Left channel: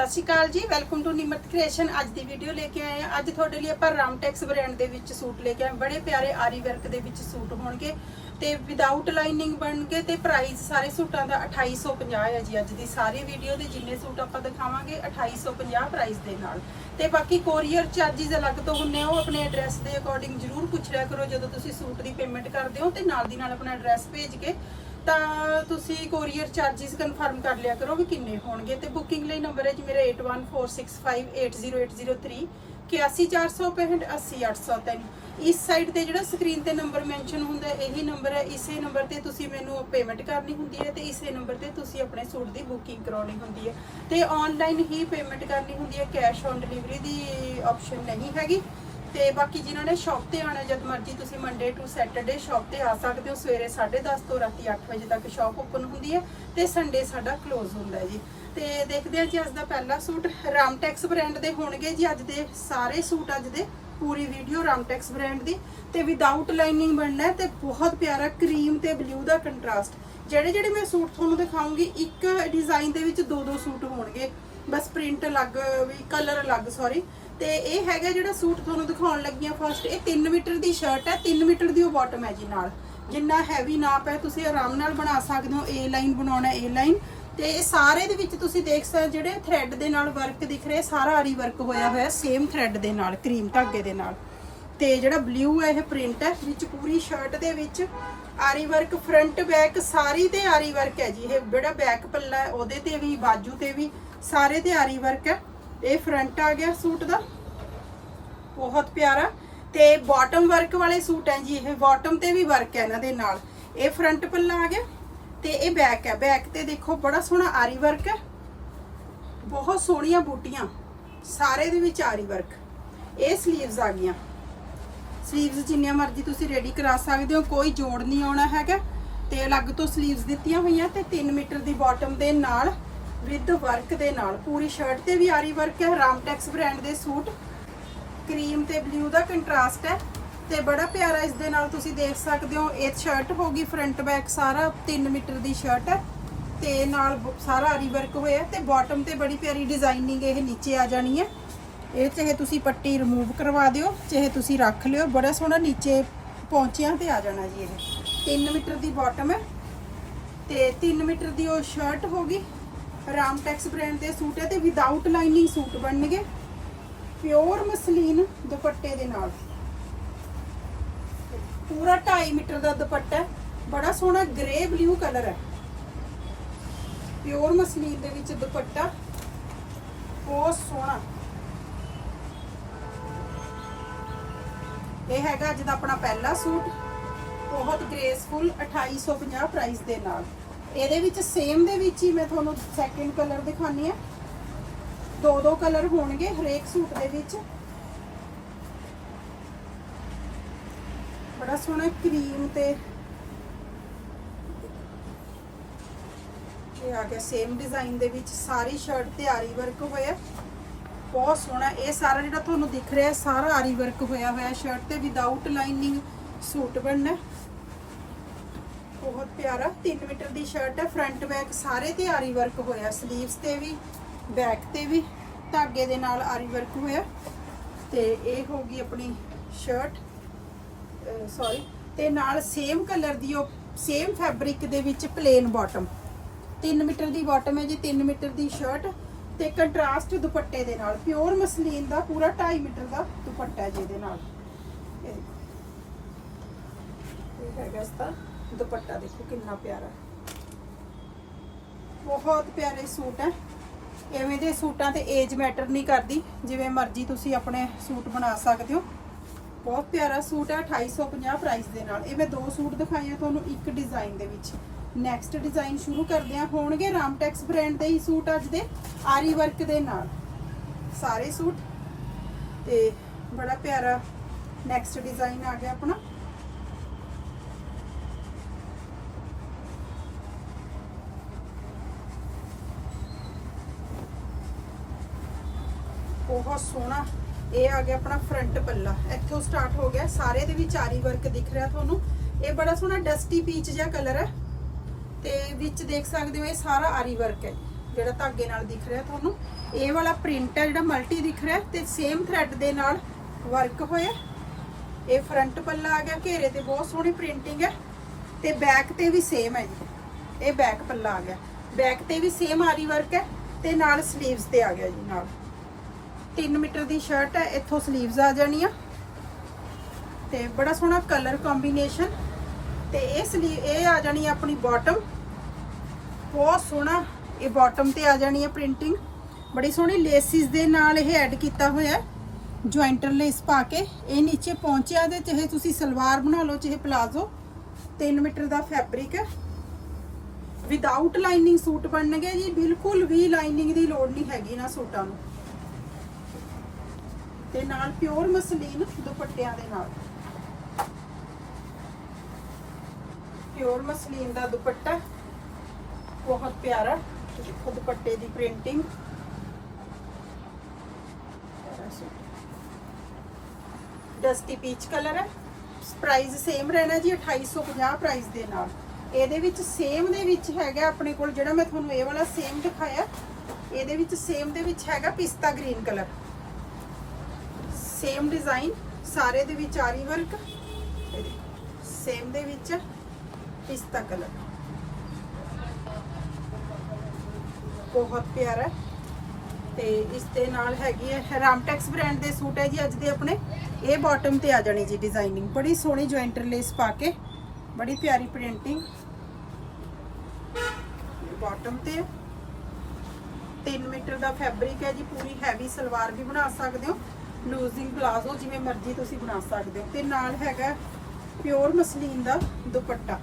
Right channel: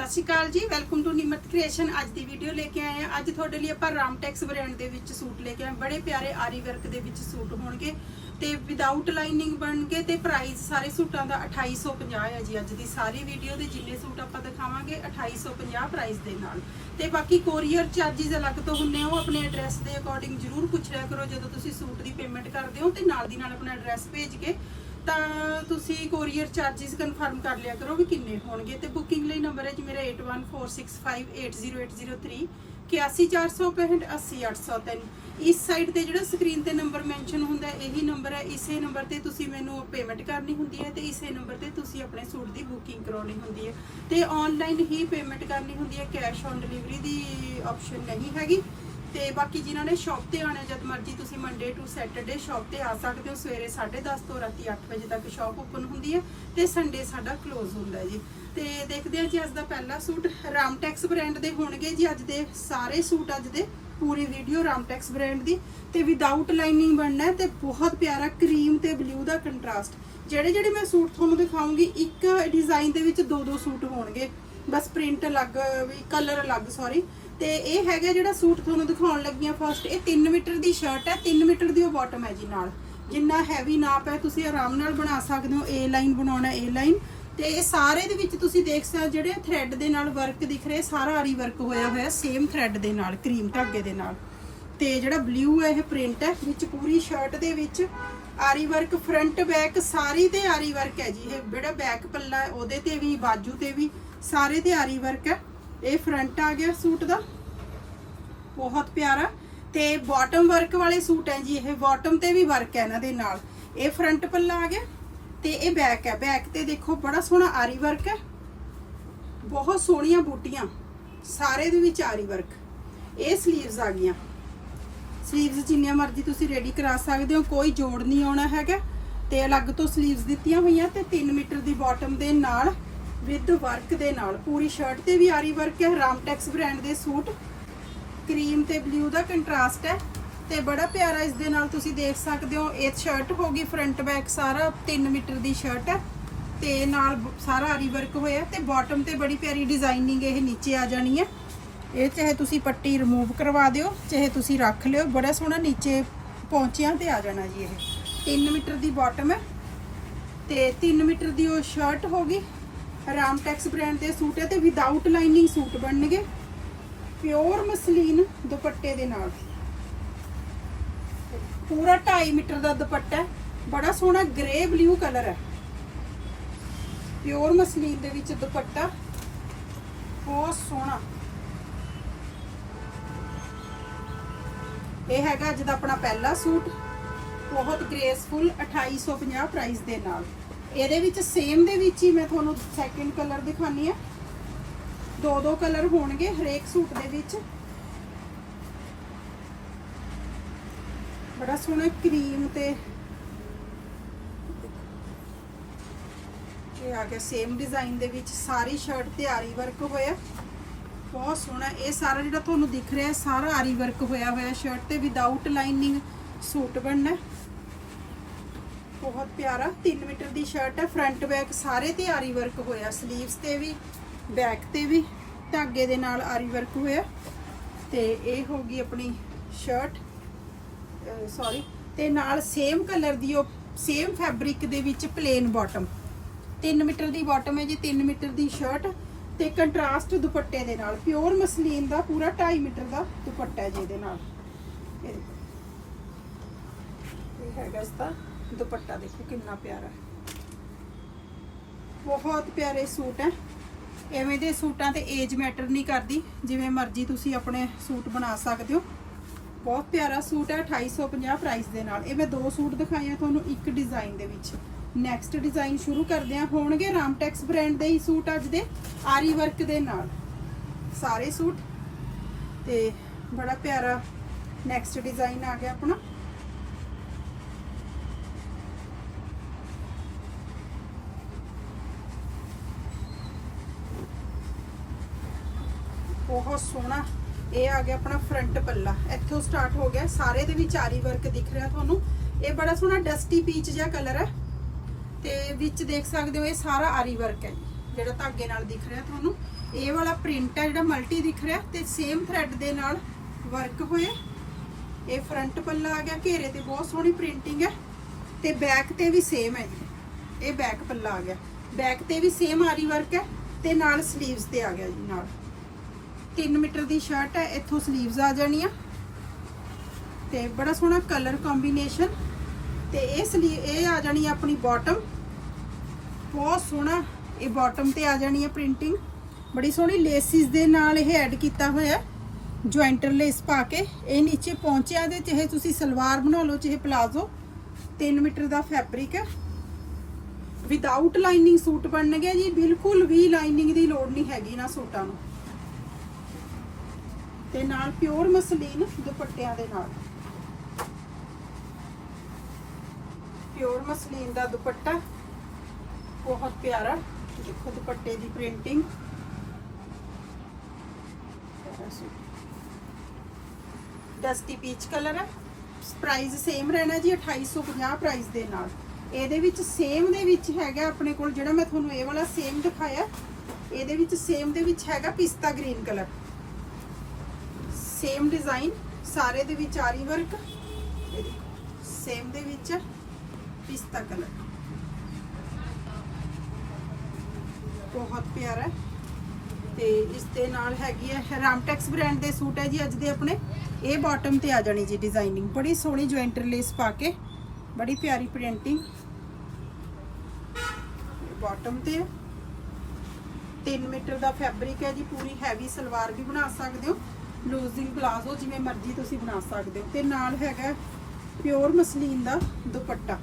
ਸਤਿ ਸ਼੍ਰੀ ਅਕਾਲ ਜੀ welcome to Nimrat creation ਅੱਜ ਦੀ ਵੀਡੀਓ ਲੈ ਕੇ ਆਏ ਆ ਅੱਜ ਤੁਹਾਡੇ ਲਈ ਆਪਾਂ ਰਾਮਟੈਕਸ ਬ੍ਰਾਂਡ ਦੇ ਵਿੱਚ ਸੂਟ ਲੈ ਕੇ ਆਏ ਬੜੇ ਪਿਆਰੇ ਆਰੀ ਵਰਕ ਦੇ ਵਿੱਚ ਸੂਟ ਹੋਣਗੇ ਤੇ ਵਿਦਆਊਟ ਲਾਈਨਿੰਗ ਬਣਨਗੇ ਤੇ ਪ੍ਰਾਈਸ ਸਾਰੇ ਸੂਟਾਂ ਦਾ 2850 ਹੈ ਜੀ ਅੱਜ ਦੀ ਸਾਰੀ ਵੀਡੀਓ ਦੇ ਜਿੰਨੇ ਸੂਟ ਆਪਾਂ ਦਿਖਾਵਾਂਗੇ 2850 ਪ੍ਰਾਈਸ ਦੇ ਨਾਲ। ਤੇ ਬਾਕੀ ਕੋਰੀਅਰ ਚਾਰजेस ਅਲੱਗ ਤੋਂ ਹੁੰਨੇ ਆ, ਉਹ ਆਪਣੇ ਐਡਰੈਸ ਦੇ ਅਕੋਰਡਿੰਗ ਜਰੂਰ ਪੁੱਛ ਲਿਆ ਕਰੋ ਜਦੋਂ ਤੁਸੀਂ ਸੂਟ ਦੀ ਪੇਮੈਂਟ ਕਰਦੇ ਹੋ ਤੇ ਨਾਲ ਦੀ ਨਾਲ ਆਪਣਾ ਐਡਰੈਸ ਭੇਜ ਕੇ ਤਾਂ ਤੁਸੀਂ ਕੋਰੀਅਰ ਚਾਰजेस ਕਨਫਰਮ ਕਰ ਲਿਆ ਕਰੋ ਵੀ ਕਿੰਨੇ ਹੋਣਗੇ ਤੇ ਬੁਕਿੰਗ ਲਈ ਨੰਬਰ ਹੈ ਜੀ ਮੇਰਾ 8146580803 81465 80803 ਇਸ ਸਾਈਡ ਤੇ ਜਿਹੜਾ ਸਕਰੀਨ ਤੇ ਨੰਬਰ ਮੈਂਸ਼ਨ ਹੁੰਦਾ ਇਹੀ ਨੰਬਰ ਹੈ। ਇਸੇ ਨੰਬਰ ਤੇ ਤੁਸੀਂ ਮੈਨੂੰ ਪੇਮੈਂਟ ਕਰਨੀ ਹੁੰਦੀ ਹੈ ਤੇ ਇਸੇ ਨੰਬਰ ਤੇ ਤੁਸੀਂ ਆਪਣੇ ਸੂਟ ਦੀ ਬੁਕਿੰਗ ਕਰਾਉਣੀ ਹੁੰਦੀ ਹੈ। ਤੇ ਆਨਲਾਈਨ ਹੀ ਪੇਮੈਂਟ ਕਰਨੀ ਹੁੰਦੀ ਹੈ ਕੈਸ਼ ਔਨ ਡਿਲੀਵਰੀ ਦੀ ਆਪਸ਼ਨ ਨਹੀਂ ਹੈਗੀ। ਤੇ ਬਾਕੀ ਜਿਨ੍ਹਾਂ ਨੇ ਸ਼ਾਪ ਤੇ ਆਣਾ ਜਦ ਮਰਜ਼ੀ ਤੁਸੀਂ ਮੰਡੇ ਟੂ ਸੈਟਰਡੇ ਸ਼ਾਪ ਤੇ ਆ ਸਕਦੇ ਹੋ। ਸਵੇਰੇ 10:30 ਤੋਂ ਰਾਤੀ 8 ਵਜੇ ਤੱਕ ਸ਼ਾਪ ਓਪਨ ਹੁੰਦੀ ਹੈ ਤੇ ਸੰਡੇ ਸਾਡਾ ਕਲੋਜ਼ ਹੁੰਦਾ ਹੈ ਜੀ। ਤੇ ਦੇਖਦੇ ਹਾਂ ਜੀ, ਅੱਜ ਦਾ ਪਹਿਲਾ ਸੂਟ ਰਾਮਟੈਕਸ ਬ੍ਰਾਂਡ ਦੇ ਹੋਣਗੇ ਜੀ। ਅੱਜ ਦੇ ਸਾਰੇ ਸੂਟ, ਅੱਜ ਦੇ ਪੂਰੀ ਵੀਡੀਓ ਰਾਮਟੈਕਸ ਬ੍ਰਾਂਡ ਦੀ। ਤੇ ਵਿਦਆਊਟ ਲਾਈਨਿੰਗ ਬਣਨਾ ਹੈ ਤੇ ਬਹੁਤ ਪਿਆਰਾ ਕਰੀਮ ਤੇ ਬਲੂ ਦਾ ਕੰਟਰਾਸਟ ਜਿਹੜੇ ਜਿਹੜੇ ਮੈਂ ਸੂਟ ਤੁਹਾਨੂੰ ਦਿਖਾਉਂਗੀ, ਇੱਕ ਡਿਜ਼ਾਈਨ ਦੇ ਵਿੱਚ ਦੋ ਦੋ ਸੂਟ ਹੋਣਗੇ। ਬਸ ਪ੍ਰਿੰਟ ਅਲੱਗ, ਵੀ ਕਲਰ ਅਲੱਗ ਸੌਰੀ ਤੇ ਇਹ ਹੈਗਾ ਜਿਹੜਾ ਸੂਟ ਤੁਹਾਨੂੰ ਦਿਖਾਉਣ ਲੱਗੀ ਆ ਫਸਟ ਇਹ 3 ਮੀਟਰ ਦੀ ਸ਼ਰਟ ਹੈ 3 ਮੀਟਰ ਦੀ ਉਹ ਬਾਟਮ ਹੈ ਜੀ ਨਾਲ। ਜਿੰਨਾ ਹੈਵੀ ਨਾਪ ਹੈ, ਤੁਸੀਂ ਆਰਾਮ ਨਾਲ ਬਣਾ ਸਕਦੇ ਹੋ ਏ ਲਾਈਨ ਬਣਾਉਣਾ ਏ ਲਾਈਨ ਤੇ ਇਹ ਸਾਰੇ ਦੇ ਵਿੱਚ ਤੁਸੀਂ ਦੇਖ ਸਕਦੇ ਜਿਹੜੇ ਥ੍ਰੈਡ ਦੇ ਨਾਲ ਵਰਕ ਦਿਖ ਰਿਹਾ ਸਾਰਾ ਆਰੀ ਵਰਕ ਹੋਇਆ ਹੋਇਆ ਸੇਮ ਥ੍ਰੈਡ ਦੇ ਨਾਲ ਕਰੀਮ ਧਾਗੇ ਦੇ ਨਾਲ। ਤੇ ਜਿਹੜਾ ਬਲੂ ਹੈ, ਇਹ ਪ੍ਰਿੰਟ ਹੈ, ਵਿੱਚ ਪੂਰੀ ਸ਼ਰਟ ਦੇ ਵਿੱਚ ਆਰੀ ਵਰਕ ਫਰੰਟ ਬੈਕ ਸਾਰੀ ਤੇ ਆਰੀ ਵਰਕ ਹੈ ਜੀ। ਇਹ ਜਿਹੜਾ ਬੈਕ ਪੱਲਾ ਉਹਦੇ ਤੇ ਵੀ, ਬਾਜੂ ਤੇ ਵੀ, ਸਾਰੇ ਤੇ ਆਰੀ ਵਰਕ ਹੈ। ਇਹ ਫਰੰਟ ਆ ਗਿਆ ਸੂਟ ਦਾ। ਬਹੁਤ ਪਿਆਰਾ। ਤੇ ਬਾਟਮ ਵਰਕ ਵਾਲੇ ਸੂਟ ਹੈ ਜੀ, ਇਹ ਬਾਟਮ ਤੇ ਵੀ ਵਰਕ ਹੈ ਇਹਨਾਂ ਦੇ ਨਾਲ। ਇਹ ਫਰੰਟ ਪੱਲਾ ਆ ਗਿਆ ਤੇ ਇਹ ਬੈਕ ਹੈ। ਬੈਕ ਤੇ ਦੇਖੋ, ਬੜਾ ਸੋਹਣਾ ਆਰੀ ਵਰਕ ਹੈ। ਬਹੁਤ ਸੋਹਣੀਆਂ ਬੂਟੀਆਂ। ਸਾਰੇ ਦੇ ਵਿੱਚ ਆਰੀ ਵਰਕ ਇਹ ਸਲੀਵਸ ਆ ਗਈਆਂ। ਸਲੀਵਸ ਜਿੰਨੀਆਂ ਮਰਜ਼ੀ ਤੁਸੀਂ ਰੈਡੀ ਕਰਾ ਸਕਦੇ ਹੋ, ਕੋਈ ਜੋੜ ਨਹੀਂ ਆਉਣਾ ਹੈਗਾ। ਤੇ ਅਲੱਗ ਤੋਂ ਸਲੀਵਸ ਦਿੱਤੀਆਂ ਹੋਈਆਂ ਤੇ 3 ਮੀਟਰ ਦੀ ਬਾਟਮ ਦੇ ਨਾਲ ਵਿਦ ਵਰਕ ਦੇ ਨਾਲ। ਪੂਰੀ ਸ਼ਰਟ ਤੇ ਵੀ ਆਰੀ ਵਰਕ ਹੈ ਰਾਮਟੈਕਸ ਬ੍ਰਾਂਡ ਦੇ ਸੂਟ। ਕਰੀਮ ਤੇ ਬਲੂ ਦਾ ਕੰਟਰਾਸਟ ਹੈ ਤੇ ਬੜਾ ਪਿਆਰਾ ਇਸ ਦੇ ਨਾਲ ਤੁਸੀਂ ਦੇਖ ਸਕਦੇ ਹੋ, ਇਹ ਸ਼ਰਟ ਹੋਗੀ ਫਰੰਟ ਬੈਕ ਸਾਰਾ 3 ਮੀਟਰ ਦੀ ਸ਼ਰਟ ਹੈ ਤੇ ਨਾਲ ਬ- ਸਾਰਾ ਆਰੀ ਵਰਕ ਹੋਇਆ ਤੇ ਬਾਟਮ ਤੇ ਬੜੀ ਪਿਆਰੀ ਡਿਜ਼ਾਈਨਿੰਗ ਇਹ ਨੀਚੇ ਆ ਜਾਣੀ ਹੈ। ਇਹ ਚਾਹੇ ਤੁਸੀਂ ਪੱਟੀ ਰਿਮੂਵ ਕਰਵਾ ਦਿਓ, ਚਾਹੇ ਤੁਸੀਂ ਰੱਖ ਲਿਓ, ਬੜਾ ਸੋਹਣਾ ਨੀਚੇ ਪਹੁੰਚਿਆਂ ਤੇ ਆ ਜਾਣਾ ਜੀ ਇਹ। 3 ਮੀਟਰ ਦੀ ਬਾਟਮ ਹੈ ਤੇ 3 ਮੀਟਰ ਦੀ ਉਹ ਸ਼ਰਟ ਹੋਗੀ ਰਾਮਟੈਕਸ ਬ੍ਰਾਂਡ ਦੇ ਸੂਟ ਹੈ ਤੇ ਵਿਦਆਊਟ ਲਾਈਨਿੰਗ ਸੂਟ ਬਣਨਗੇ। ਪਿਓਰ ਮਸਲੀਨ ਦੁਪੱਟੇ ਦੇ ਨਾਲ। ਪੂਰਾ 2.5 ਮੀਟਰ ਦਾ ਦੁਪੱਟਾ ਹੈ। ਬੜਾ ਸੋਹਣਾ ਗ੍ਰੇ ਬਲੂ ਕਲਰ ਹੈ। ਪਿਓਰ ਮਸਲੀਨ ਦੇ ਵਿੱਚ ਦੁਪੱਟਾ। ਬਹੁਤ ਸੋਹਣਾ। ਇਹ ਹੈਗਾ ਅੱਜ ਦਾ ਆਪਣਾ ਪਹਿਲਾ ਸੂਟ। ਬਹੁਤ ਗ੍ਰੇਸਫੁਲ 2850 ਪ੍ਰਾਈਸ ਦੇ ਨਾਲ। ਇਹਦੇ ਵਿੱਚ ਸੇਮ ਦੇ ਵਿੱਚ ਹੀ ਮੈਂ ਤੁਹਾਨੂੰ ਸੈਕਿੰਡ ਕਲਰ ਦਿਖਾਨੀ ਆ। ਦੋ ਦੋ ਕਲਰ ਹੋਣਗੇ ਹਰੇਕ ਸੂਟ ਦੇ ਵਿੱਚ। ਬੜਾ ਸੋਹਣਾ ਕਰੀਮ ਤੇ ਆ ਗਿਆ ਸੇਮ ਡਿਜ਼ਾਈਨ ਦੇ ਵਿੱਚ ਸਾਰੀ ਸ਼ਰਟ ਤੇ ਆਰੀ ਵਰਕ ਹੋਇਆ। ਬਹੁਤ ਸੋਹਣਾ, ਇਹ ਸਾਰਾ ਜਿਹੜਾ ਤੁਹਾਨੂੰ ਦਿਖ ਰਿਹਾ ਸਾਰਾ ਆਰੀ ਵਰਕ ਹੋਇਆ ਹੋਇਆ ਸ਼ਰਟ ਤੇ ਵਿਦਆਊਟ ਲਾਈਨਿੰਗ ਸੂਟ ਬਣਨਾ। ਬਹੁਤ ਪਿਆਰਾ। 3 ਮੀਟਰ ਦੀ ਸ਼ਰਟ ਹੈ। ਫਰੰਟ ਬੈਕ ਸਾਰੇ ਤੇ ਆਰੀ ਵਰਕ ਹੋਇਆ। 슬ੀਵਸ ਤੇ ਵੀ ਬੈਕ ਤੇ ਵੀ, ਧਾਗੇ ਦੇ ਨਾਲ ਆਰੀ ਵਰਕ ਹੋਇਆ। ਤੇ ਇਹ ਹੋ ਗਈ ਆਪਣੀ ਸ਼ਰਟ ਸੌਰੀ ਤੇ ਨਾਲ ਸੇਮ ਕਲਰ ਦੀ ਉਹ ਸੇਮ ਫੈਬਰਿਕ ਦੇ ਵਿੱਚ ਪਲੇਨ ਬਾਟਮ 3 ਮੀਟਰ ਦੀ ਬਾਟਮ ਹੈ ਜੀ 3 ਮੀਟਰ ਦੀ ਸ਼ਰਟ ਤੇ ਕੰਟਰਾਸਟ ਦੁਪੱਟੇ ਦੇ ਨਾਲ। ਪਿਓਰ ਮਸਲੀਨ ਦਾ, ਪੂਰਾ 2.5 ਮੀਟਰ ਦਾ ਦੁਪੱਟਾ ਹੈ ਜਿਹਦੇ ਨਾਲ। ਇਹ ਹੈਗਾ ਇਸ ਦਾ। ਦੁਪੱਟਾ ਦੇਖੋ ਕਿੰਨਾ ਪਿਆਰਾ ਬਹੁਤ ਪਿਆਰੇ ਸੂਟ ਹੈ। ਐਵੇਂ ਦੇ ਸੂਟਾਂ ਤੇ ਏਜ ਮੈਟਰ ਨਹੀਂ ਕਰਦੀ, ਜਿਵੇਂ ਮਰਜ਼ੀ ਤੁਸੀਂ ਆਪਣੇ ਸੂਟ ਬਣਾ ਸਕਦੇ ਹੋ। ਬਹੁਤ ਪਿਆਰਾ ਸੂਟ ਹੈ 2850 ਪ੍ਰਾਈਸ ਦੇ ਨਾਲ। ਇਹ ਮੈਂ ਦੋ ਸੂਟ ਦਿਖਾਏ ਤੁਹਾਨੂੰ, ਇੱਕ ਡਿਜ਼ਾਈਨ ਦੇ ਵਿੱਚ। ਨੈਕਸਟ ਡਿਜ਼ਾਈਨ ਸ਼ੁਰੂ ਕਰਦੇ ਆ ਹੋਣਗੇ ਰਾਮਟੈਕਸ ਬ੍ਰਾਂਡ ਦੇ ਹੀ ਸੂਟ ਅੱਜ ਦੇ, ਆਰੀ ਵਰਕ ਦੇ ਨਾਲ। ਸਾਰੇ ਸੂਟ। ਤੇ ਬੜਾ ਪਿਆਰਾ ਨੈਕਸਟ ਡਿਜ਼ਾਈਨ ਆ ਗਿਆ ਆਪਣਾ। ਬਹੁਤ ਸੋਹਣਾ। ਇਹ ਆ ਗਿਆ ਆਪਣਾ ਫਰੰਟ ਪੱਲਾ। ਇੱਥੋਂ ਸਟਾਰਟ ਹੋ ਗਿਆ। ਸਾਰੇ ਦੇ ਵਿੱਚ ਆਰੀ ਵਰਕ ਦਿਖ ਰਿਹਾ ਤੁਹਾਨੂੰ। ਇਹ ਬੜਾ ਸੋਹਣਾ ਡਸਟੀ ਪੀਚ ਜਿਹਾ ਕਲਰ ਹੈ। ਤੇ ਵਿੱਚ ਦੇਖ ਸਕਦੇ ਹੋ, ਇਹ ਸਾਰਾ ਆਰੀ ਵਰਕ ਹੈ ਜਿਹੜਾ ਧਾਗੇ ਨਾਲ ਦਿਖ ਰਿਹਾ ਤੁਹਾਨੂੰ। ਇਹ ਵਾਲਾ ਪ੍ਰਿੰਟ ਹੈ, ਜਿਹੜਾ ਮਲਟੀ ਦਿਖ ਰਿਹਾ ਤੇ ਸੇਮ ਥ੍ਰੈਡ ਦੇ ਨਾਲ ਵਰਕ ਹੋਇਆ। ਇਹ ਫਰੰਟ ਪੱਲਾ ਆ ਗਿਆ, ਘੇਰੇ ਤੇ ਬਹੁਤ ਸੋਹਣੀ ਪ੍ਰਿੰਟਿੰਗ ਹੈ। ਤੇ ਬੈਕ ਤੇ ਵੀ ਸੇਮ ਹੈ ਜੀ। ਇਹ ਬੈਕ ਪੱਲਾ ਆ ਗਿਆ। ਬੈਕ ਤੇ ਵੀ ਸੇਮ ਆਰੀ ਵਰਕ ਹੈ ਤੇ ਨਾਲ ਸਲੀਵਸ ਤੇ ਆ ਗਿਆ ਜੀ, ਨਾਲ। 3 ਮੀਟਰ ਦੀ ਸ਼ਰਟ ਹੈ, ਇੱਥੋਂ 슬ੀਵਸ ਆ ਜਾਣੀਆਂ। ਤੇ ਬੜਾ ਸੋਹਣਾ ਕਲਰ ਕੰਬੀਨੇਸ਼ਨ ਤੇ ਇਹ ਸਲੀ ਇਹ ਆ ਜਾਣੀ ਆਪਣੀ ਬਾਟਮ ਬਹੁਤ ਸੋਹਣਾ ਇਹ ਬਾਟਮ ਤੇ ਆ ਜਾਣੀ ਹੈ ਪ੍ਰਿੰਟਿੰਗ ਬੜੀ ਸੋਹਣੀ ਲੇਸਿਸ ਦੇ ਨਾਲ ਇਹ ਐਡ ਕੀਤਾ ਹੋਇਆ ਜੁਆਇੰਟਰ ਲੇਸ ਪਾ ਕੇ। ਇਹ ਨੀਚੇ ਪਹੁੰਚਿਆ ਦੇ ਚਾਹੇ ਤੁਸੀਂ ਸਲਵਾਰ ਬਣਾ ਲਓ, ਚਾਹੇ ਪਲਾਜ਼ੋ 3 ਮੀਟਰ ਦਾ ਫੈਬਰਿਕ ਹੈ। ਵਿਦਆਊਟ ਲਾਈਨਿੰਗ ਸੂਟ ਬਣਨਗੇ ਜੀ, ਬਿਲਕੁਲ ਵੀ ਲਾਈਨਿੰਗ ਦੀ ਲੋੜ ਨਹੀਂ ਹੈਗੀ ਨਾ ਸੂਟਾਂ ਨੂੰ। ਤੇ ਨਾਲ ਪਿਓਰ ਮਸਲੀਨ ਦੁਪੱਟਿਆਂ ਦੇ ਨਾਲ। ਪਿਓਰ ਮਸਲੀਨ ਦਾ ਦੁਪੱਟਾ ਬਹੁਤ ਪਿਆਰਾ ਦੇਖੋ ਦੁਪੱਟੇ ਦੀ ਪ੍ਰਿੰਟਿੰਗ। ਡਸਟੀ ਪੀਚ ਕਲਰ ਹੈ। ਪ੍ਰਾਈਸ ਸੇਮ ਰਹਿਣਾ ਜੀ 2850 ਪ੍ਰਾਈਸ ਦੇ ਨਾਲ। ਇਹਦੇ ਵਿੱਚ ਸੇਮ ਦੇ ਵਿੱਚ ਹੈਗਾ ਆਪਣੇ ਕੋਲ ਜਿਹੜਾ ਮੈਂ ਤੁਹਾਨੂੰ ਇਹ ਵਾਲਾ ਸੇਮ ਦਿਖਾਇਆ। ਇਹਦੇ ਵਿੱਚ ਸੇਮ ਦੇ ਵਿੱਚ ਹੈਗਾ ਪਿਸਤਾ ਗ੍ਰੀਨ ਕਲਰ ਸੇਮ ਡਿਜ਼ਾਈਨ ਸਾਰੇ ਦੇ ਵਿੱਚ ਆਰੀ ਵਰਕ ਸੇਮ ਦੇ ਵਿੱਚ ਪਿਸਤਾ ਕਲਰ ਬਹੁਤ ਪਿਆਰਾ ਤੇ ਇਸ ਦੇ ਨਾਲ ਹੈਗੀ ਹੈ ਰਾਮਟੈਕਸ ਬ੍ਰਾਂਡ ਦੇ ਸੂਟ ਹੈ ਜੀ ਅੱਜ ਦੇ ਆਪਣੇ। ਇਹ ਬਾਟਮ ਤੇ ਆ ਜਾਣੀ ਜੀ ਡਿਜ਼ਾਈਨਿੰਗ ਬੜੀ ਸੋਹਣੀ ਜੁਆਇੰਟਰ ਲੇਸ ਪਾ ਕੇ, ਬੜੀ ਪਿਆਰੀ ਪ੍ਰਿੰਟਿੰਗ ਬਾਟਮ ਤੇ 3 ਮੀਟਰ ਦਾ ਫੈਬਰਿਕ ਹੈ ਜੀ, ਪੂਰੀ ਹੈਵੀ ਸਲਵਾਰ ਵੀ ਬਣਾ ਸਕਦੇ ਹੋ। ਲੂਜ਼ਿੰਗ ਪਲਾਜ਼ੋ ਜਿਵੇਂ ਮਰਜ਼ੀ ਤੁਸੀਂ ਬਣਾ ਸਕਦੇ ਹੋ। ਤੇ ਨਾਲ ਹੈਗਾ ਪਿਓਰ ਮਸਲੀਨ ਦਾ ਦੁਪੱਟਾ।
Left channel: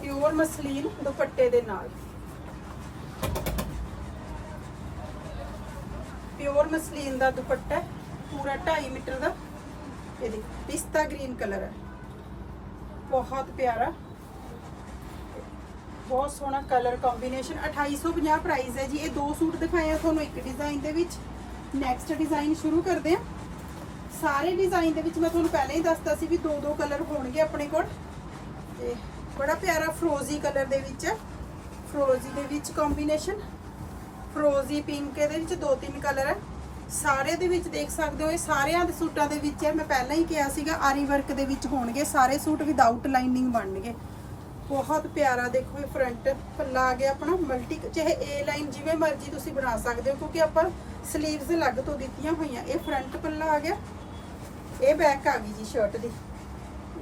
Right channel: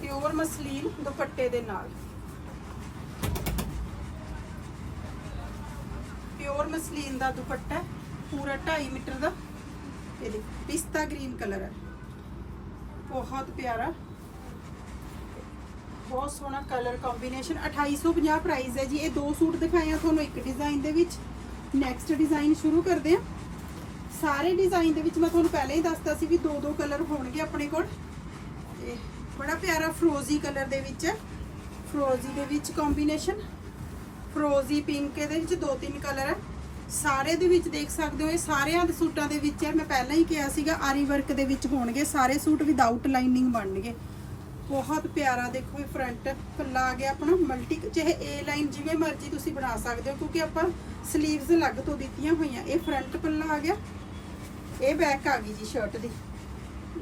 ਪਿਓਰ ਮਸਲੀਨ ਦੁਪੱਟੇ ਦੇ ਨਾਲ। ਪਿਓਰ ਮਸਲੀਨ ਦਾ ਦੁਪੱਟਾ ਪੂਰਾ 2.5 ਮੀਟਰ ਦਾ। ਇਹ ਪਿਸਤਾ ਗ੍ਰੀਨ ਕਲਰ ਹੈ। ਬਹੁਤ ਪਿਆਰਾ ਬਹੁਤ ਸੋਹਣਾ ਕਲਰ ਕੰਬੀਨੇਸ਼ਨ 2850 ਪ੍ਰਾਈਸ ਹੈ ਜੀ। ਇਹ ਦੋ ਸੂਟ ਦਿਖਾਏ ਆ ਤੁਹਾਨੂੰ, ਇੱਕ ਡਿਜ਼ਾਈਨ ਦੇ ਵਿੱਚ। ਨੈਕਸਟ ਡਿਜ਼ਾਈਨ ਸ਼ੁਰੂ ਕਰਦੇ ਆ। ਸਾਰੇ ਡਿਜ਼ਾਈਨ ਦੇ ਵਿੱਚ ਮੈਂ ਤੁਹਾਨੂੰ ਪਹਿਲਾਂ ਹੀ ਦੱਸਤਾ ਸੀ ਵੀ ਦੋ ਦੋ ਕਲਰ ਹੋਣਗੇ ਆਪਣੇ ਕੋਲ। ਤੇ ਬੜਾ ਪਿਆਰਾ ਫਰੋਜ਼ੀ ਕਲਰ ਦੇ ਵਿੱਚ ਹੈ। ਫਰੋਜ਼ੀ ਦੇ ਵਿੱਚ ਕੰਬੀਨੇਸ਼ਨ ਫਰੋਜ਼ੀ ਪਿੰਕ ਇਹਦੇ ਵਿੱਚ ਦੋ ਤਿੰਨ ਕਲਰ ਹੈ। ਸਾਰੇ ਦੇ ਵਿੱਚ ਦੇਖ ਸਕਦੇ ਹੋ, ਇਹ ਸਾਰਿਆਂ ਦੇ ਸੂਟਾਂ ਦੇ ਵਿੱਚ ਹੈ। ਮੈਂ ਪਹਿਲਾਂ ਹੀ ਕਿਹਾ ਸੀਗਾ ਆਰੀ ਵਰਕ ਦੇ ਵਿੱਚ ਹੋਣਗੇ ਸਾਰੇ ਸੂਟ ਵਿਦਆਊਟ ਲਾਈਨਿੰਗ ਬਣਨਗੇ। ਬਹੁਤ ਪਿਆਰਾ ਦੇਖੋ ਇਹ ਫਰੰਟ ਪੱਲਾ ਆ ਗਿਆ ਆਪਣਾ ਮਲਟੀ ਚਾਹੇ A ਲਾਈਨ ਜਿਵੇਂ ਮਰਜ਼ੀ ਤੁਸੀਂ ਬਣਾ ਸਕਦੇ ਹੋ, ਕਿਉਂਕਿ ਆਪਾਂ ਸਲੀਵਸ ਅਲੱਗ ਤੋਂ ਦਿੱਤੀਆਂ ਹੋਈਆਂ, ਇਹ ਫਰੰਟ ਪੱਲਾ ਆ ਗਿਆ। ਇਹ ਬੈਕ ਆ ਗਈ ਜੀ ਸ਼ਰਟ ਦੀ।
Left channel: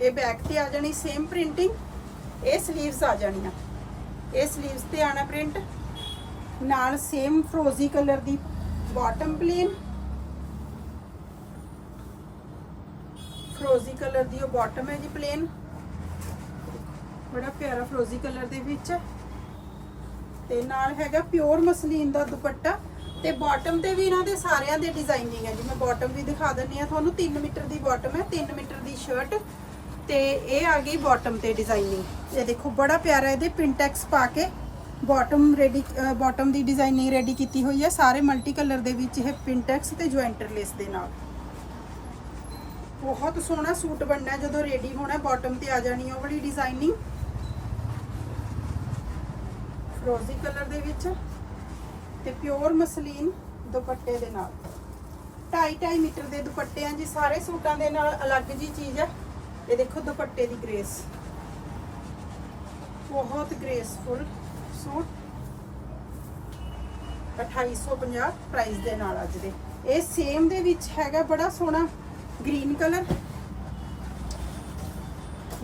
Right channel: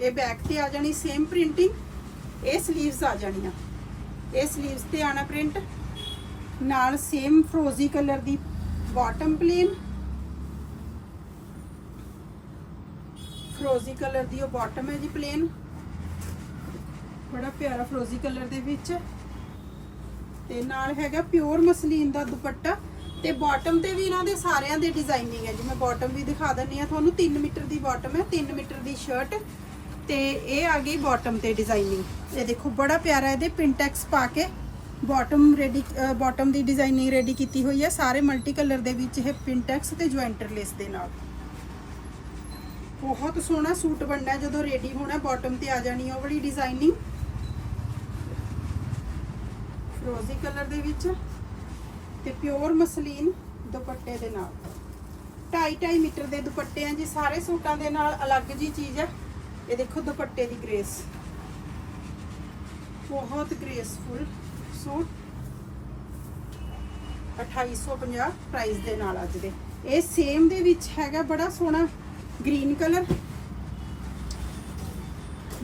ਇਹ ਬੈਕ ਤੇ ਆ ਜਾਣੀ ਸੇਮ ਪ੍ਰਿੰਟਿੰਗ ਇਹ ਸਲੀਵਸ ਆ ਜਾਣੀਆਂ। ਇਹ ਸਲੀਵਸ ਤੇ ਆਣਾ ਪ੍ਰਿੰਟ ਨਾਲ ਸੇਮ ਫਰੋਜ਼ੀ ਕਲਰ ਦੀ ਬਾਟਮ ਪਲੇਨ ਫਰੋਜ਼ੀ ਕਲਰ ਦੀ ਉਹ ਬਾਟਮ ਹੈ ਜੀ ਪਲੇਨ ਬੜਾ ਪਿਆਰਾ ਫਰੋਜ਼ੀ ਕਲਰ ਦੇ ਵਿੱਚ। ਤੇ ਨਾਲ ਹੈਗਾ ਪਿਓਰ ਮਸਲੀਨ ਦਾ ਦੁਪੱਟਾ। ਤੇ ਬਾਟਮ ਤੇ ਵੀ ਇਹਨਾਂ ਦੇ ਸਾਰਿਆਂ ਦੇ ਡਿਜ਼ਾਈਨਿੰਗ ਹੈ ਜੀ ਮੈਂ ਬਾਟਮ ਵੀ ਦਿਖਾ ਦਿੰਨੀ ਆ ਤੁਹਾਨੂੰ 3 ਮੀਟਰ ਦੀ ਬਾਟਮ ਹੈ 3 ਮੀਟਰ ਦੀ ਸ਼ਰਟ ਤੇ ਇਹ ਆ ਗਈ ਬਾਟਮ ਤੇ ਡਿਜ਼ਾਈਨਿੰਗ ਇਹ ਦੇਖੋ, ਬੜਾ ਪਿਆਰਾ ਇਹਦੇ ਪਿੰਟੈਕਸ ਪਾ ਕੇ ਬਾਟਮ ਰੈਡੀ ਬਾਟਮ ਦੀ ਡਿਜ਼ਾਈਨਿੰਗ ਰੈਡੀ ਕੀਤੀ ਹੋਈ ਹੈ। ਸਾਰੇ ਮਲਟੀ ਕਲਰ ਦੇ ਵਿੱਚ ਇਹ ਪਿੰਟੈਕਸ ਤੇ ਜੁਆਇੰਟਰ ਲੇਸ ਦੇ ਨਾਲ। ਬਹੁਤ ਸੋਹਣਾ ਸੂਟ ਬਣਨਾ ਜਦੋਂ ਰੈਡੀ ਹੋਣਾ ਬਾਟਮ ਤੇ ਆ ਜਾਣੀ ਹੈ, ਉਹ ਵਾਲੀ ਡਿਜ਼ਾਈਨਿੰਗ ਰੋਜ਼ੀ ਕਲਰ ਦੇ ਵਿੱਚ ਤੇ ਪਿਓਰ ਮਸਲੀਨ ਦੁਪੱਟੇ ਦੇ ਨਾਲ। 2.5 ਮੀਟਰ ਦੇ ਦੁਪੱਟੇ ਆ ਜੀ, ਸਾਰੇ ਸੂਟਾਂ ਦੇ ਨਾਲ ਅਲੱਗ ਜੀ ਚੀਜ਼ ਹੈ ਇਹ ਦੇਖੋ ਦੁਪੱਟੇ ਦੀ ਗ੍ਰੇਸ। ਬਹੁਤ ਗ੍ਰੇਸਫੁਲ ਸੂਟ। 2850 ਪ੍ਰਾਈਸ ਦੇ ਨਾਲ ਅੱਜ ਦੇ। ਇਹ ਸੇਮ ਦੇ ਵਿੱਚ ਹੈਗਾ ਬੜਾ ਸੋਹਣਾ ਗ੍ਰੀਨ ਕਲਰ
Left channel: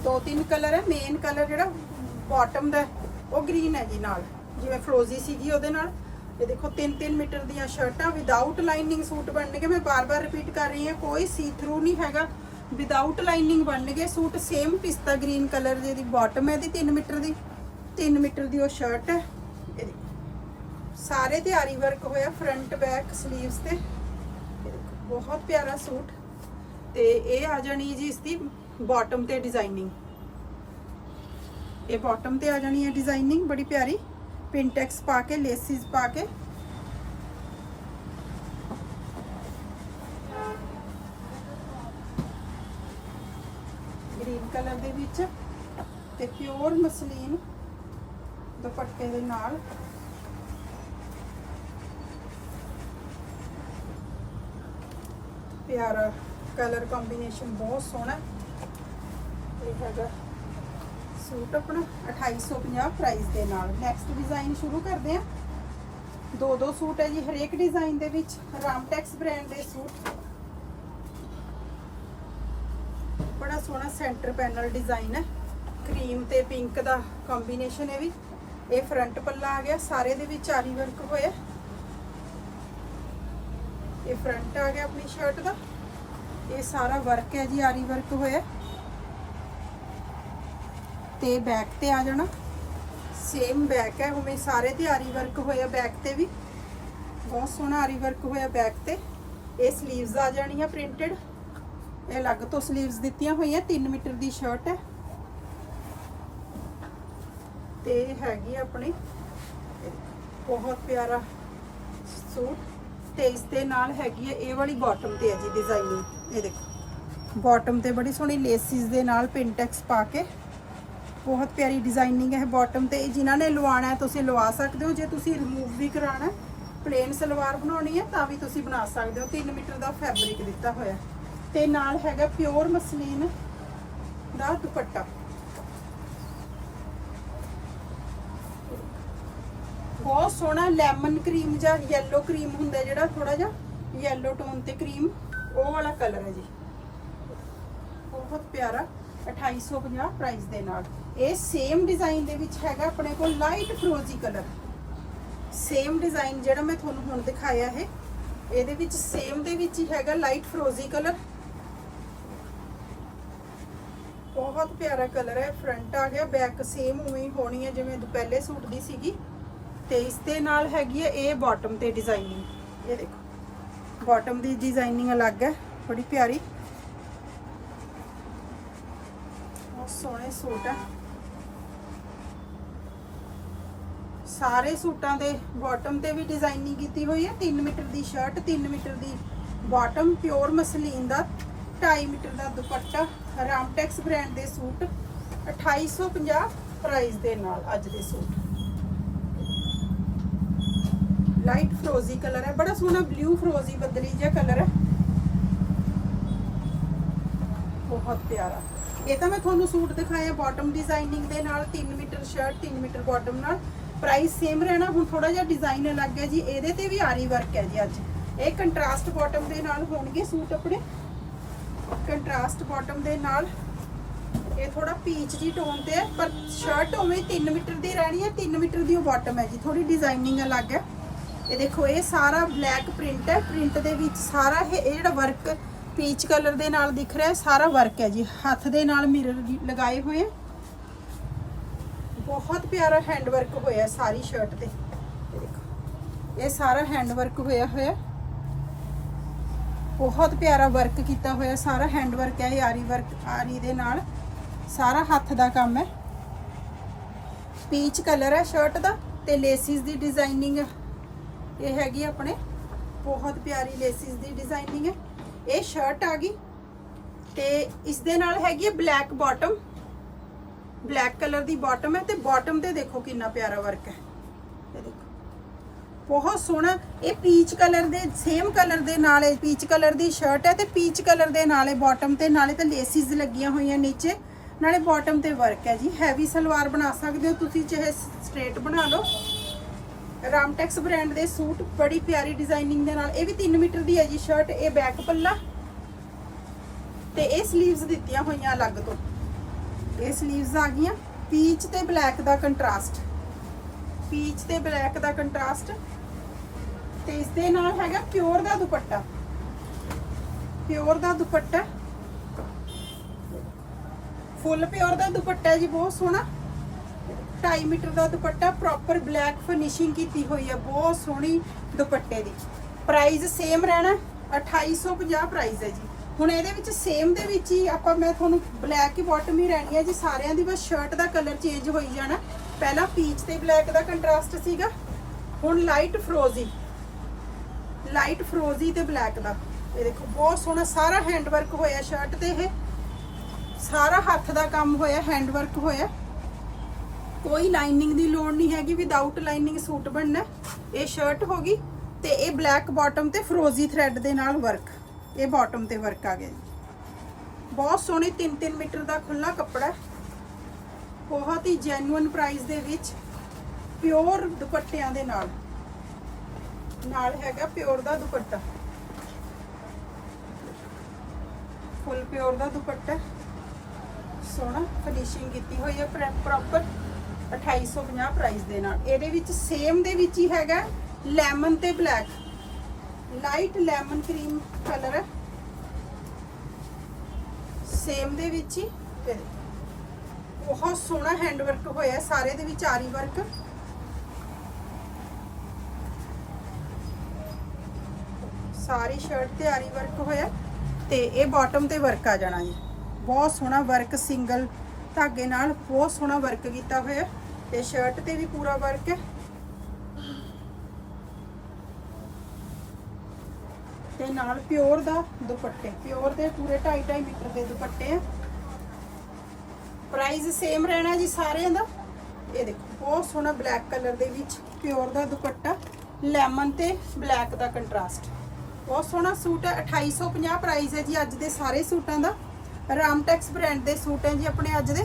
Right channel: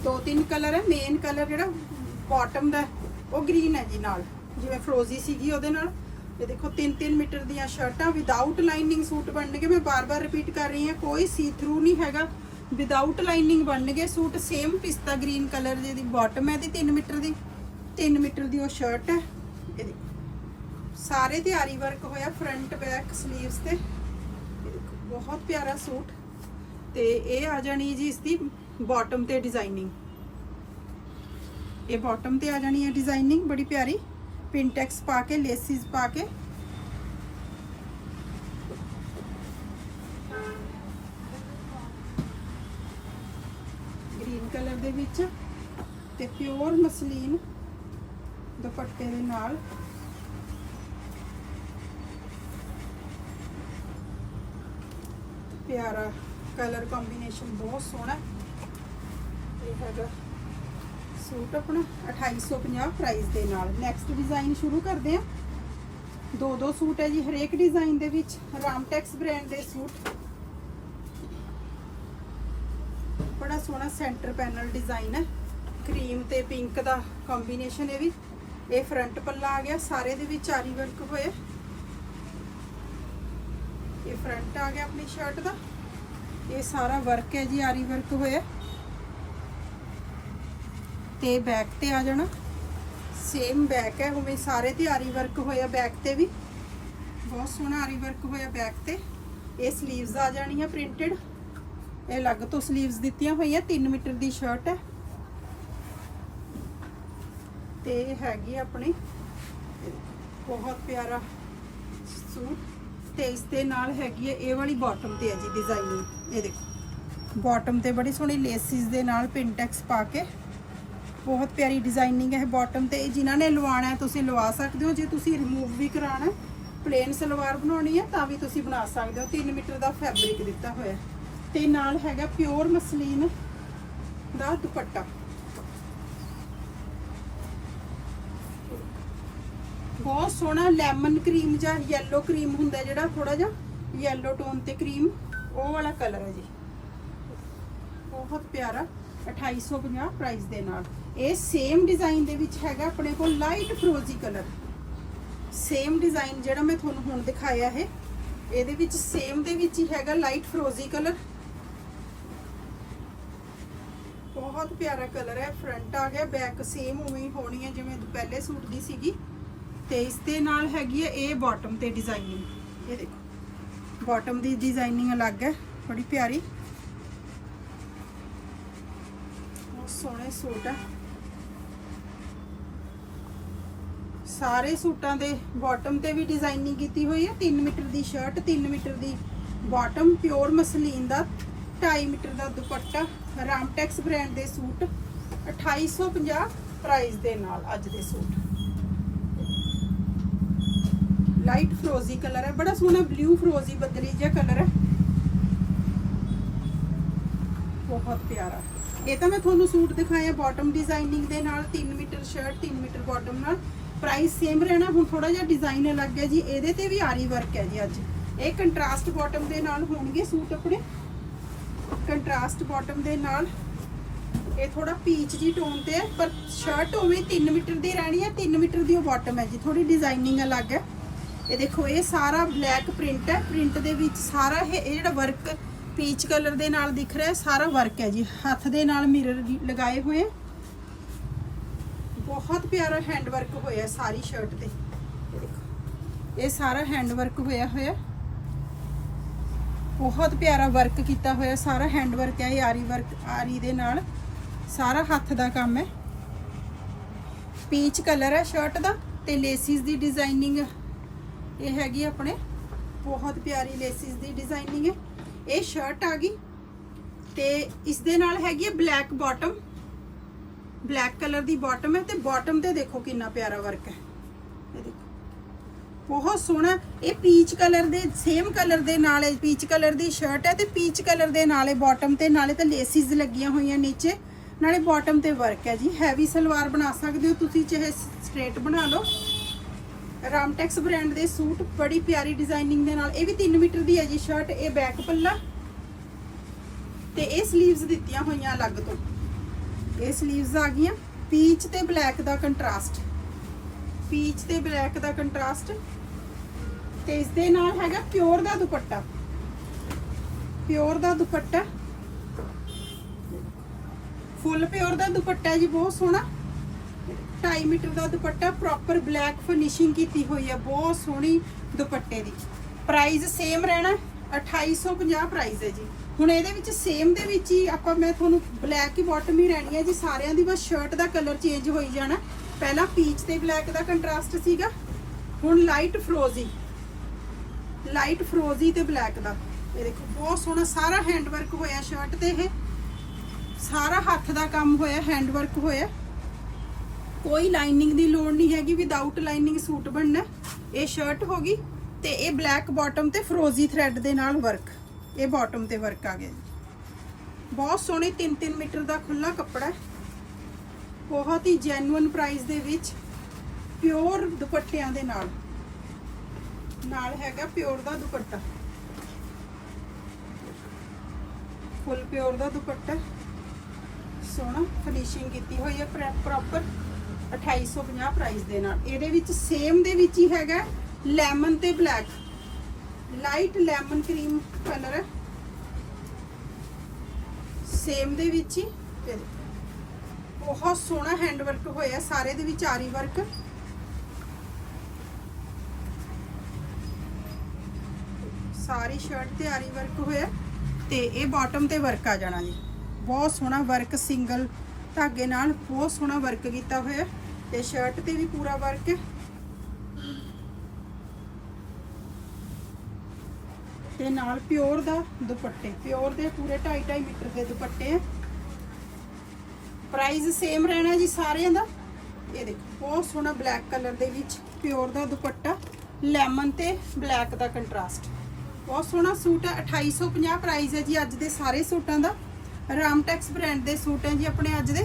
ਦੋ ਤਿੰਨ ਕਲਰ ਹੈ ਮੇਨ ਕਲਰ ਜਿਹੜਾ ਬਾਟਮ ਦਾ। ਉਹ ਗ੍ਰੀਨ ਹੈ ਜੀ ਨਾਲ। ਜਿਵੇਂ ਫਰੋਜ਼ੀ ਸੀਗੀ ਉਹਦੇ ਨਾਲ। ਇਹ ਦੇਖੋ 3-3 ਮੀਟਰ ਦੀਆਂ ਸ਼ਰਟਾਂ ਵਿਦਆਊਟ ਲਾਈਨਿੰਗ ਸੂਟ ਬਣਨਗੇ। ਮੈਂ ਬਾਰ-ਬਾਰ ਰਿਪੀਟ ਕਰ ਰਹੀ ਹਾਂ, ਕੋਈ ਸੀ ਥਰੂ ਨਹੀਂ ਹੈਗਾ। ਵਿਦਆਊਟ ਲਾਈਨਿੰਗ ਬਣਨਗੇ ਸੂਟ ਸੇਮ ਪਿਸਤਾ ਗ੍ਰੀਨ ਕਲਰ ਜਿਹਦੀ ਬਾਟਮ ਹੈ ਦੀ 3 ਮੀਟਰ ਦੀ। 3 ਮੀਟਰ ਦੀ ਉਹ ਸ਼ਰਟ ਹੈ। ਇਹਦੀ ਸਾਰੇ ਤਿਆਰੀ ਵਰਕ ਹੋਇਆ ਫਰੰਟ ਬੈਕ 슬ੀਵਸ ਤੇ ਬਹੁਤ ਪਿਆਰਾ ਸੂਟ। ਤੇ ਇਹ ਆ ਜਾਣੀ ਜੀ ਇਸ ਦੀ ਬਾਟਮ ਤੇ ਡਿਜ਼ਾਈਨਿੰਗ ਇਹ ਬਾਟਮ ਤੇ ਆ ਜਾਣੀ ਹੈ ਡਿਜ਼ਾਈਨਿੰਗ ਬੜੀ ਪਿਆਰੀ। ਪਿੰਟੈਕਸ ਪਾ ਕੇ ਲੇਸਿਸ ਪਾ ਕੇ। ਗ੍ਰੀਨ ਕਲਰ ਦੇ ਵਿੱਚ ਤੇ ਪਿਓਰ ਮਸਲੀਨ ਦੁਪੱਟੇ ਦੇ ਨਾਲ। ਪਿਆਰਾ ਕਲਰ ਕੰਬੀਨੇਸ਼ਨ ਬਹੁਤ ਸੋਹਣਾ ਇਹ ਹੈਗਾ ਸੂਟ ਆਪਣਾ 2850 ਪ੍ਰਾਈਸ ਦੇ ਨਾਲ। ਨੈਕਸਟ ਡਿਜ਼ਾਈਨ ਸ਼ੁਰੂ ਕਰਦੇ ਹਾਂ। ਦੋ ਦੋ ਸੂਟ ਹੈ ਜੀ ਹਰੇਕ ਡਿਜ਼ਾਈਨ ਦੇ ਵਿੱਚ। ਰਾਮਟੈਕਸ ਬ੍ਰਾਂਡ ਦੇ ਸੂਟ। ਬੜਾ ਸੋਹਣਾ ਸੈਂਟਰ ਪੈਨਲ ਡਿਜ਼ਾਈਨ ਹੈ। ਕਰੀਮ ਤੇ ਪਿੰਕ ਦਾ ਕੰਬੀਨੇਸ਼ਨ ਹੈ ਵੀ। ਇਹ ਫਰੰਟ ਪੱਲਾ ਆ ਗਿਆ। ਸਾਰੇ ਦੇ ਵਿੱਚ ਆਰੀ ਵਰਕ ਹੋਇਆ। ਇਹ ਫਰੰਟ ਆ ਗਿਆ ਆਪਣੀ ਸ਼ਰਟ ਦਾ। ਇਹ ਸਾਰਾ ਵਰਕ ਹੈ ਜੀ, ਆਰੀ ਵਰਕ ਹੋਇਆ। ਤੇ ਬੈਕ ਤੇ ਆ ਜਾਣਾ। ਸੇਮ ਬੈਕ ਹੈ, ਉਵੇਂ ਸਾਰੇ ਤੇ ਆਰੀ ਵਰਕ ਹੋਇਆ ਬੈਕ ਤੇ ਵੀ। ਬਹੁਤ ਸੋਹਣਾ ਆਰੀ ਵਰਕ ਹੋਇਆ ਬੈਕ ਤੇ। ਇਹ 슬ੀਵਸ ਆ ਜਾਣੀਆਂ ਪ੍ਰਿੰਟਡ ਇਹ ਅਲੱਗ ਤੋਂ 슬ੀਵਸ ਦਿੱਤੀਆਂ ਹੋਈਆਂ 3 ਮੀਟਰ ਦੀ ਸ਼ਰਟ ਹੈ। ਤੇ ਹੈਗੀ ਆਪਣੀ ਬਹੁਤ ਪਿਆਰਾ ਸੂਟ। ਤੇ ਇਸ ਦੇ ਨਾਲ ਹੈਗੀ ਹੈ, ਇਹ ਵਾਲੀ ਬਾਟਮ ਤੇ ਹੈ ਜੀ ਡਿਜ਼ਾਈਨਿੰਗ ਇਹ ਦੇਖੋ। ਬਾਟਮ ਤੇ ਬੜੀ ਸੋਹਣੀ ਲੇਸਿਸ ਦੇ ਨਾਲ ਪਿੰਟੈਕਸ ਪਾ ਕੇ ਬਹੁਤ ਪਿਆਰੀ ਡਿਜ਼ਾਈਨਿੰਗ ਹੈ ਬਾਟਮ ਤੇ। ਜਿਨ੍ਹਾਂ ਨੇ ਲਵਾਉਣਾ ਹੈ, ਤੁਸੀਂ ਲਵਾ ਸਕਦੇ ਹੋ। ਜੇ ਤੁਸੀਂ ਰਿਮੂਵ ਵੀ ਕਰਾਉਣਾ ਪਲੇਨ ਸਲਵਾਰ ਬਣਾਉਣੀ ਹੈ, ਤਾਂ ਵੀ ਤੁਸੀਂ ਬਣਾ ਸਕਦੇ ਹੋ। 3 ਮੀਟਰ ਦਾ ਫੈਬਰਿਕ ਦਿੱਤਾ ਹੋਇਆ ਤੇ ਨਾਲ ਹੈਗਾ ਪਿਓਰ ਮਸਲੀਨ ਦਾ ਦੁਪੱਟਾ। ਬਹੁਤ ਸੋਹਣਾ ਲੈਮਨ ਕਰੀਮ ਜਾਂ ਯੈਲੋ ਕਰੀਮ ਹੁੰਦਾ ਜਿਹੜਾ ਥੋੜਾ ਜਿਹਾ ਯੈਲੋ ਟੋਨ ਤੇ ਕਰੀਮ ਉਹ ਵਾਲਾ ਕਲਰ ਹੈ ਜੀ। ਬਹੁਤ ਪਿਆਰਾ 2850 ਪ੍ਰਾਈਸ ਦੇ ਨਾਲ। ਇਹ ਸੇਮ ਡਿਜ਼ਾਈਨ ਦੇ ਵਿੱਚ ਹੈਗਾ ਆਪਣੇ ਕੋਲ ਲਾਈਟ ਫਰੋਜ਼ੀ ਕਲਰ। ਸੇਮ ਡਿਜ਼ਾਈਨ ਜਿਹੜਾ ਮੈਂ ਤੁਹਾਨੂੰ ਹੁਣ ਦਿਖਾਇਆ ਹੈ, ਇਹਦੇ ਵਿੱਚ ਸੇਮ ਦੇ ਵਿੱਚ ਹੀ ਹੈਗਾ ਲਾਈਟ ਫਰੋਜ਼ੀ ਕਲਰ। ਬਹੁਤ ਪਿਆਰਾ ਕਲਰ ਹੈ ਫਰੰਟ ਆ ਗਿਆ ਬੈਕ ਸੇਮ ਉਵੇਂ ਹੀ ਹੋਣੀ ਹੈ ਜਿਵੇਂ ਪਹਿਲੇ ਸੂਟ ਦੀ ਸੀਗੀ। ਤੇ ਇਸ ਦੇ ਨਾਲ ਹੈਗੀ ਹੈ ਇਹ ਬਾਟਮ ਤੇ ਡਿਜ਼ਾਈਨਿੰਗ ਇਹ ਦੇਖੋ ਬਾਟਮ ਦੀ ਡਿਜ਼ਾਈਨਿੰਗ ਅਲੱਗ ਹੈ, ਬੜੀ ਪਿਆਰੀ। ਬਹੁਤ ਸੋਹਣੇ ਸੂਟ ਹੈ। ਸਾਰੇ ਸੂਟਾਂ ਦੇ ਬਾਟਮ ਤੇ ਵੀ ਡਿਜ਼ਾਈਨਿੰਗ ਕੀਤੀ ਹੋਈ ਹੈ। 3 ਮੀਟਰ ਦੀ ਸ਼ਰਟ 3 ਮੀਟਰ ਦੀ ਬਾਟਮ ਪਿਓਰ ਮਸਲੀਨ ਦਾ 2.5 ਮੀਟਰ ਦਾ ਦੁਪੱਟਾ ਰਾਮਟੈਕਸ ਬ੍ਰਾਂਡ ਦੇ ਸੂਟ 2850 ਪ੍ਰਾਈਸ ਦੇ ਨਾਲ ਅੱਜ ਦੇ ਸੂਟ। ਲਾਈਟ ਫਰੋਜ਼ੀ ਕਲਰ ਹੈ। ਬੜਾ ਸੋਹਣਾ ਬਲੂ ਫਰੋਜ਼ੀ ਬੱਦਲੀ ਜਿਹਾ ਕਲਰ ਹੈ। ਬਹੁਤ ਪਿਆਰਾ। ਇਹ ਤਾਂ ਮੈਂ ਤੁਹਾਨੂੰ ਸੂਟ ਦਿਖਾਇਆ ਬਾਟਮ ਡਿਜ਼ਾਈਨਿੰਗ ਦੇ ਨਾਲ 3 ਮੀਟਰ ਸ਼ਰਟ 3 ਮੀਟਰ ਬਾਟਮ ਨਾਲ। ਪ੍ਰਾਈਸ ਸੇਮ ਰਹਿਣਾ, ਹੁਣ ਥੋੜਾ ਜਿਹਾ ਡਿਜ਼ਾਈਨ ਅਲੱਗ ਹੈ ਜੀ, ਇਹਦੇ ਤੇ ਵੀ ਆਰੀ ਵਰਕ ਹੈ ਜੀ ਅੱਜ। ਇਹ ਕੰਟਰਾਸਟ ਬਾਟਮ ਦੇ ਨਾਲ ਹੋਣਗੇ ਸੂਟ ਆਪਣੇ ਕੰਟਰਾਸਟ ਬਾਟਮ ਦੇ ਨਾਲ ਇਹ ਥੋੜਾ ਪੀਚ ਜੀ ਟੋਨ ਤੇ ਹੈ, ਪਰ ਸ਼ਰਟ ਉਵੇਂ 3 ਮੀਟਰ ਦੀ ਰਹਿਣੀ ਹੈ 3 ਮੀਟਰ ਦੀ ਉਹ ਬਾਟਮ ਹੈ ਜੀ ਥੋੜੀ ਡਿਜ਼ਾਈਨਿੰਗ ਅਲੱਗ ਹੈ। ਇਹ ਦੇਖੋ, ਇਹ ਸਾਰਾ ਬਲੈਕ ਪ੍ਰਿੰਟ ਹੈ ਪ੍ਰਿੰਟ ਦੇ ਵਿੱਚ ਸਾਰਾ ਇਹ ਇਹ ਜਿਹੜਾ ਵਰਕ ਪੀਚ ਕਲਰ ਦੇ ਨਾਲ ਦਿਖ ਰਿਹਾ, ਸਾਰਾ ਵਰਕ ਹੈ ਜੀ, ਹੱਥ ਦੇ ਨਾਲ ਮਿਰਰ ਲਗਾਏ ਹੋਏ। ਬਹੁਤ ਪਿਆਰਾ ਹੈਂਡਵਰਕ ਹੋਇਆ ਸਾਰੀ ਸ਼ਰਟ ਤੇ। ਇਹ ਦੇਖੋ। ਇਹ ਸਾਰਾ ਹੈਂਡਵਰਕ ਹੋਇਆ ਹੋਇਆ। ਬਹੁਤ ਪਿਆਰਾ ਵਰਕ ਕੀਤਾ ਹੋਇਆ ਸਾਰਾ ਹੈਂਡਵਰਕ ਹੈ ਇਹ ਆਰੀ ਵਰਕ ਆਰੀ ਦੇ ਨਾਲ। ਸਾਰਾ ਹੱਥ ਦਾ ਕੰਮ ਹੈ। ਪੀਚ ਕਲਰ ਹੈ ਸ਼ਰਟ ਦਾ ਤੇ ਲੇਸਿਸ ਦੀ ਡਿਜ਼ਾਈਨਿੰਗ ਇਹ ਹੈਗੀ ਆਪਣੇ ਬਹੁਤ ਪਿਆਰੀ ਲੇਸਿਸ ਦੀ ਡਿਜ਼ਾਈਨਿੰਗ ਹੈ। ਇਹ ਸ਼ਰਟ ਆ ਗਈ ਤੇ ਇਸ ਦੇ ਨਾਲ ਹੈਗੀ ਹੈ ਬਲੈਕ ਬਾਟਮ ਬਲੈਕ ਕਲਰ ਦੀ ਬਾਟਮ ਹੈ ਤੇ ਬਾਟਮ ਤੇ ਦੇਖੋ ਕਿੰਨਾ ਪਿਆਰਾ ਵਰਕ ਹੈ। ਇਹ ਦੇਖੋ। ਬਹੁਤ ਸੋਹਣਾ। ਇਹ ਪੀਚ ਕਲਰ ਦੇ, ਸੇਮ ਕਲਰ ਦੇ ਨਾਲ ਇਹ ਪੀਚ ਕਲਰ ਦੀ ਸ਼ਰਟ ਹੈ ਤੇ ਪੀਚ ਕਲਰ ਦੇ ਨਾਲ ਇਹ ਬਾਟਮ ਤੇ ਨਾਲੇ ਤੇ ਲੇਸਿਸ ਲੱਗੀਆਂ ਹੋਈਆਂ ਨੀਚੇ। ਨਾਲੇ ਬਾਟਮ ਤੇ ਵਰਕ ਹੈ ਜੀ। ਹੈਵੀ ਸਲਵਾਰ ਬਣਾ ਸਕਦੇ ਹੋ ਤੁਸੀਂ, ਚਾਹੇ ਸਟ੍ਰੇਟ ਬਣਾ ਲਓ। ਰਾਮਟੈਕਸ ਬ੍ਰਾਂਡ ਦੇ ਸੂਟ, ਬੜੀ ਪਿਆਰੀ ਡਿਜ਼ਾਈਨਿੰਗ ਦੇ ਨਾਲ। ਇਹ ਵੀ 3 ਮੀਟਰ ਦੀ ਹੈ ਜੀ ਸ਼ਰਟ, ਇਹ ਬੈਕ ਪੱਲਾ। ਤੇ ਇਹ 슬ੀਵਸ ਦਿੱਤੀਆਂ ਹੋਈਆਂ ਅਲੱਗ ਤੋਂ। ਇਹ 슬ੀਵਸ ਆ ਗਈਆਂ। ਪੀਚ ਤੇ ਬਲੈਕ ਦਾ ਕੰਟਰਾਸਟ ਪੀਚ ਤੇ ਬਲੈਕ ਦਾ ਕੰਟਰਾਸਟ ਤੇ ਇਸ ਦੇ ਨਾਲ ਹੈਗਾ ਪਿਓਰ ਦਾ ਦੁਪੱਟਾ। ਪਿਓਰ ਦਾ ਦੁਪੱਟਾ। ਫੁੱਲ ਪਿਓਰ ਦਾ ਦੁਪੱਟਾ ਜੀ, ਬਹੁਤ ਸੋਹਣਾ। 2.5 ਮੀਟਰ ਦਾ ਦੁਪੱਟਾ ਪ੍ਰੋਪਰ ਬਲੈਕ ਫਿਨਿਸ਼ਿੰਗ ਕੀਤੀ ਹੋਈ ਹੈ ਬਹੁਤ ਸੋਹਣੀ ਦੁਪੱਟੇ ਦੀ। ਪ੍ਰਾਈਸ ਸੇਮ ਰਹਿਣਾ 2850 ਪ੍ਰਾਈਸ ਹੈ ਜੀ। ਹੁਣ ਇਹਦੇ ਵਿੱਚ ਸੇਮ ਦੇ ਵਿੱਚ ਹੀ ਆਪਾਂ, ਮੈਂ ਤੁਹਾਨੂੰ ਬਲੈਕ ਹੀ ਬਾਟਮ ਹੀ ਰਹਿਣੀ ਹੈ, ਜੀ ਸਾਰਿਆਂ ਦੀ ਬਸ ਸ਼ਰਟ ਦਾ ਕਲਰ ਚੇਂਜ ਹੋਈ ਜਾਣਾ। ਪਹਿਲਾਂ ਪੀਚ ਤੇ ਬਲੈਕ ਦਾ ਕੰਟਰਾਸਟ ਸੀਗਾ, ਹੁਣ ਲਾਈਟ ਫਰੋਜ਼ੀ ਲਾਈਟ ਫਰੋਜ਼ੀ ਤੇ ਬਲੈਕ ਦਾ। ਇਹ ਦੇਖੋ, ਬਹੁਤ ਸੋਹਣਾ ਸਾਰਾ ਹੈਂਡਵਰਕ ਹੋਇਆ ਸ਼ਰਟ ਤੇ ਇਹ। ਸਾਰਾ ਹੱਥ ਦਾ ਕੰਮ ਹੋਇਆ ਹੈਂਡਵਰਕ ਹੋਇਆ। ਕੋਈ ਲਾਈਨਿੰਗ ਦੀ ਲੋੜ ਨਹੀਂ ਹੈਗੀ ਵਿਦਆਊਟ ਲਾਈਨਿੰਗ ਸੂਟ ਬਣਨਾ। ਇਹ ਸ਼ਰਟ ਹੋ ਗਈ ਤੇ ਇਹ ਬਲੈਕ ਬਾਟਮ ਤੇ ਫਰੋਜ਼ੀ ਥ੍ਰੈਡ ਦੇ ਨਾਲ ਵਰਕ ਇਹ ਬਾਟਮ ਤੇ ਵਰਕ ਆ ਗਿਆ ਜੀ। ਬਹੁਤ ਸੋਹਣੇ 3-3 ਮੀਟਰ ਦਾ ਖੁੱਲਾ ਕੱਪੜਾ ਹੈ। ਬਹੁਤ ਹੀ ਜੈਨੂਇਨ ਪ੍ਰਾਈਸ ਦੇ ਵਿੱਚ ਪਿਓਰ ਦੁਪੱਟਿਆਂ ਦੇ ਨਾਲ। ਨਾਲ ਹੈਗਾ ਪਿਓਰ ਦਾ ਦੁਪੱਟਾ। ਫੁੱਲ ਪਿਓਰ ਦਾ ਦੁਪੱਟਾ। ਸੋਹਣਾ ਫਿਨਿਸ਼ਿੰਗ ਕੀਤੀ ਹੋਈ ਹੈ ਪ੍ਰੋਪਰ 2850 ਪ੍ਰਾਈਸ ਦੇ ਨਾਲ। ਇਹਦੇ ਵਿੱਚ ਸੇਮ ਦੇ ਵਿੱਚ ਹੀ ਹੈਗਾ ਲੈਮਨ ਤੇ black light lemon cream colour. ਹੈ ਸੇਮ ਦੇ ਵਿੱਚ ਹੀ। ਬਹੁਤ ਸੋਹਣਾ ਹੈਂਡ ਵਰਕ ਹੋਇਆ ਸਾਰੇ ਦੇ ਵਿੱਚ ਆਰੀ ਵਰਕ। ਸਾਰੀ ਸ਼ਰਟ ਤੇ ਆਰੀ ਵਰਕ ਹੋਇਆ ਤੇ ਇਹ ਬਾਟਮ ਤੇ ਵਰਕ ਆ ਜਾਣਾ ਜੀ। ਬਹੁਤ ਸੋਹਣਾ ਵਰਕ ਸਿੰਗਲ ਧਾਗੇ ਨਾਲ ਬਹੁਤ ਸੋਹਣਾ ਵਰਕ ਕੀਤਾ ਹੋਇਆ। ਤੇ ਸ਼ਰਟ ਤੇ ਵੀ ਪੂਰਾ ਵਰਕ ਹੈ। ਤੇ ਨਾਲ ਪਿਓਰ ਦਾ ਦੁਪੱਟੇ, ਪਿਓਰ ਦੇ ਪੂਰੇ 2.5 2.5 ਮੀਟਰ ਦੇ ਦੁਪੱਟੇ ਹੈ ਪ੍ਰਾਈਸ ਸੇਮ ਰਹਿਣਾ ਜੀ ਸਾਰਿਆਂ ਦਾ। ਇਹ ਦੇਖੋ, ਬਹੁਤ ਸੋਹਣਾ ਬਲੈਕ ਕਲਰ ਦੇ ਵਿੱਚ ਪਿਓਰ ਦਾ ਦੁਪੱਟਾ ਲੈਮਨ ਤੇ ਬਲੈਕ ਦਾ ਕੰਟਰਾਸਟ ਬਹੁਤ ਸੋਹਣਾ ਸੂਟ ਹੈ 2850 ਪ੍ਰਾਈਸ ਹੈ ਜੀ ਅੱਜ ਦੇ ਸਾਰੇ ਸੂਟਾਂ ਦਾ। ਰਾਮਟੈਕਸ ਬ੍ਰਾਂਡ ਦੇ ਸੂਟ ਹੈ ਜੀ ਆਪਣੇ ਅੱਜ ਦੇ।